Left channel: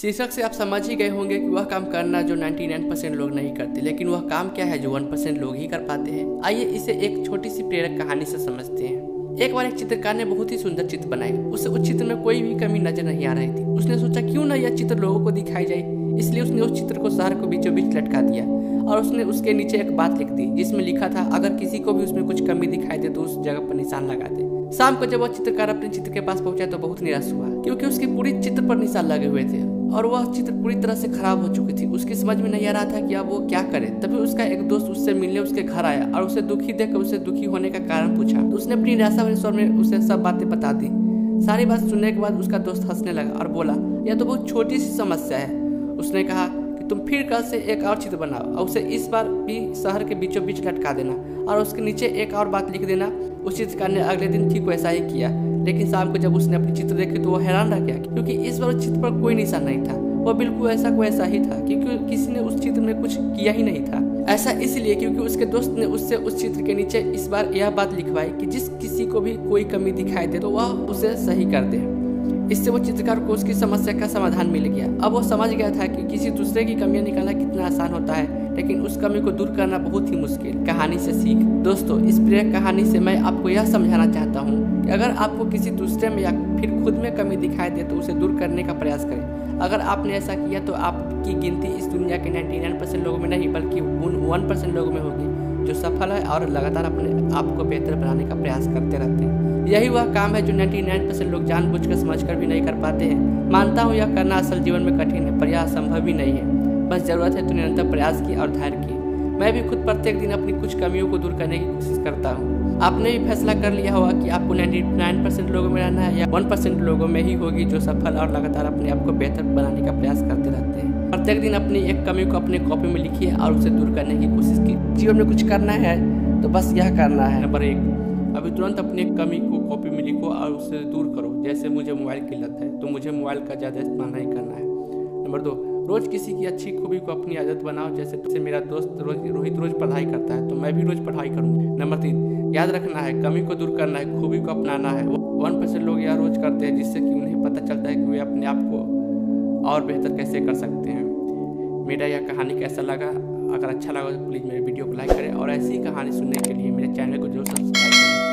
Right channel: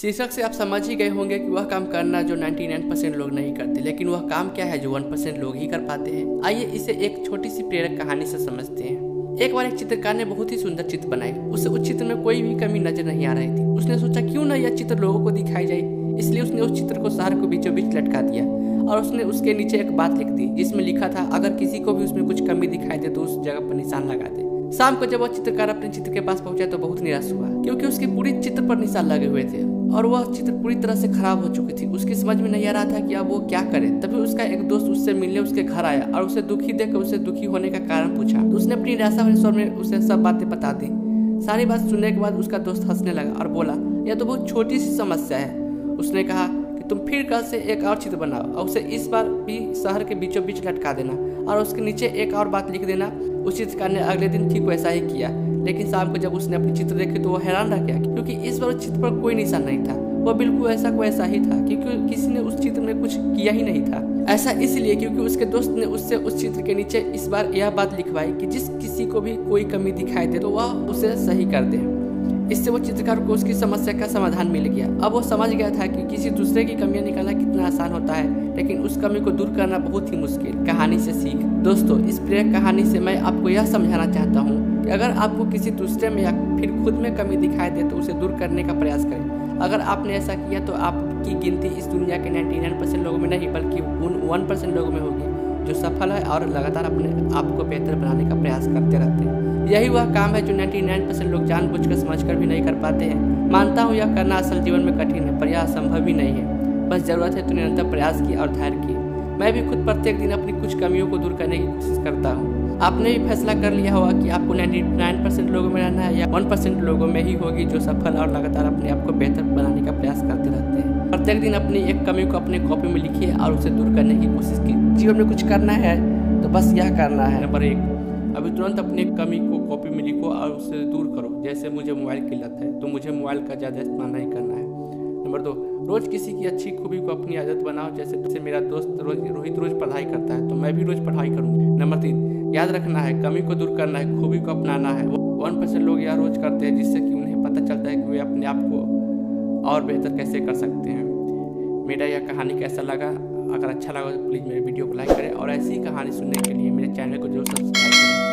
शीर्षक से आप समझ ही गए होंगे कि वह काम करना जो 99% लोग नहीं करते, लेकिन वह काम क्या है जो 1% लोग ही कर पाते हैं। आइए इसे एक छोटी सी प्रेरक कहानी से समझते हैं। एक बार एक चित्रकार ने बहुत ही सुंदर चित्र बनाई। उसे उस चित्र में कोई भी कमी नजर नहीं आ रही थी। उसने सोचा क्यों ना यह चित्र लोगों को दिखाई जाए, इसलिए उसने उस चित्र को शहर को बीचों बीच लटका दिया और उसने उसके नीचे एक बात लिख दी जिसमें लिखा था, अगर किसी को भी उसमें कुछ कमी दिखाई दे तो उस जगह पर निशान लगा दे। शाम को जब वह चित्रकार अपने चित्र के पास पहुंचा तो बहुत निराश हुआ, क्योंकि उसके पूरी चित्र पर निशान लगे हुए थे और वह चित्र पूरी तरह से खराब हो चुकी थी। उसकी समझ में नहीं आ रहा था कि अब वो क्या करे। तभी उसका एक दोस्त उससे मिलने उसके घर आया और उसे दुखी देखकर उसे दुखी होने का कारण पूछा। तो उसने अपनी निराशा भरे स्वर में उसे सब बातें बता दी। सारी बात सुनने के बाद उसका दोस्त हंसने लगा और बोला, यह तो बहुत छोटी सी समस्या है। उसने कहा कि तुम फिर कल से एक और चित्र बनाओ और उसे इस बार भी शहर के बीचों बीच लटका देना और उसके नीचे एक और बात लिख देना। उस चित्रकार ने अगले दिन ठीक वैसा ही किया, लेकिन शाम को जब उसने अपनी चित्र देखी तो वह हैरान रह गया, क्योंकि इस बार उस चित्र पर कोई निशान नहीं था। वह बिल्कुल ऐसा को ऐसा ही था, क्योंकि किसी ने उस चित्र में कुछ किया ही नहीं था। ऐसा इसलिए क्योंकि उसके दोस्त ने उससे उस चित्र के नीचे इस बार यह बात लिखवाई कि जिस किसी को भी कोई कमी दिखाई दे तो वह उसे सही कर दे। इससे वो चित्रकार को उसकी समस्या का समाधान मिल गया। अब वो समझ गया था कि किसी दूसरे की कमियां निकालना कितना आसान होता है, लेकिन उस कमी को दूर करना बहुत ही मुश्किल। कहानी से सीख। दोस्तों, इस प्रेरक कहानी से मैं आपको यह समझाना चाहता हूँ कि अगर आपको किसी दूसरे में या फिर खुद में कमी दिखाई दे तो उसे दूर करने का प्रयास करें। अगर आपने ऐसा किया तो आपकी गिनती इस दुनिया के 99% लोगों में नहीं बल्कि उन 1% लोगों में होगी जो सफल है और लगातार अपने आप को बेहतर बनाने का प्रयास करते रहते हैं। यही वह काम है जो 99% लोग जानबूझकर समझकर भी नहीं कर पाते हैं। मानता हूँ यह करना असल जीवन में कठिन है, पर यह असंभव भी नहीं है। बस जरूरत है तो निरंतर प्रयास की और धैर्य की। मैं भी खुद प्रत्येक दिन अपनी कुछ कमियों को दूर करने की कोशिश करता हूँ। आपने भी फैसला कर लिया होगा कि आपको 99% लोगों में रहना है या 1% लोगों में ही होगी जो सफल और लगातार अपने आप को बेहतर बनाने का प्रयास करते रहते हैं। प्रत्येक दिन अपनी एक कमी को अपने कॉपी में लिखिए और उसे दूर करने की कोशिश कीजिए। जीवन में कुछ करना है तो बस यह करना है। नंबर 1, अभी तुरंत अपने कमी को कॉपी में लिखो और उसे दूर करो। जैसे मुझे मोबाइल की लत है तो मुझे मोबाइल का ज़्यादा इस्तेमाल नहीं करना है। नंबर 2, रोज़ किसी की अच्छी खूबी को अपनी आदत बनाओ। जैसे मेरा दोस्त रोहित रोज़ पढ़ाई करता है तो मैं भी रोज़ पढ़ाई करूँगा। नंबर 3, याद रखना है कमी को दूर करना है, खूबी को अपनाना है। 1% लोग यह रोज़ करते हैं जिससे कि उन्हें पता चलता है कि वे अपने आप को और बेहतर कैसे कर सकते हैं। मेरा यह कहानी कैसा लगा? अगर अच्छा लगा तो प्लीज़ मेरे वीडियो को लाइक करें और ऐसी ही कहानी सुनने के लिए मेरे चैनल को जरूर सब्सक्राइब करें।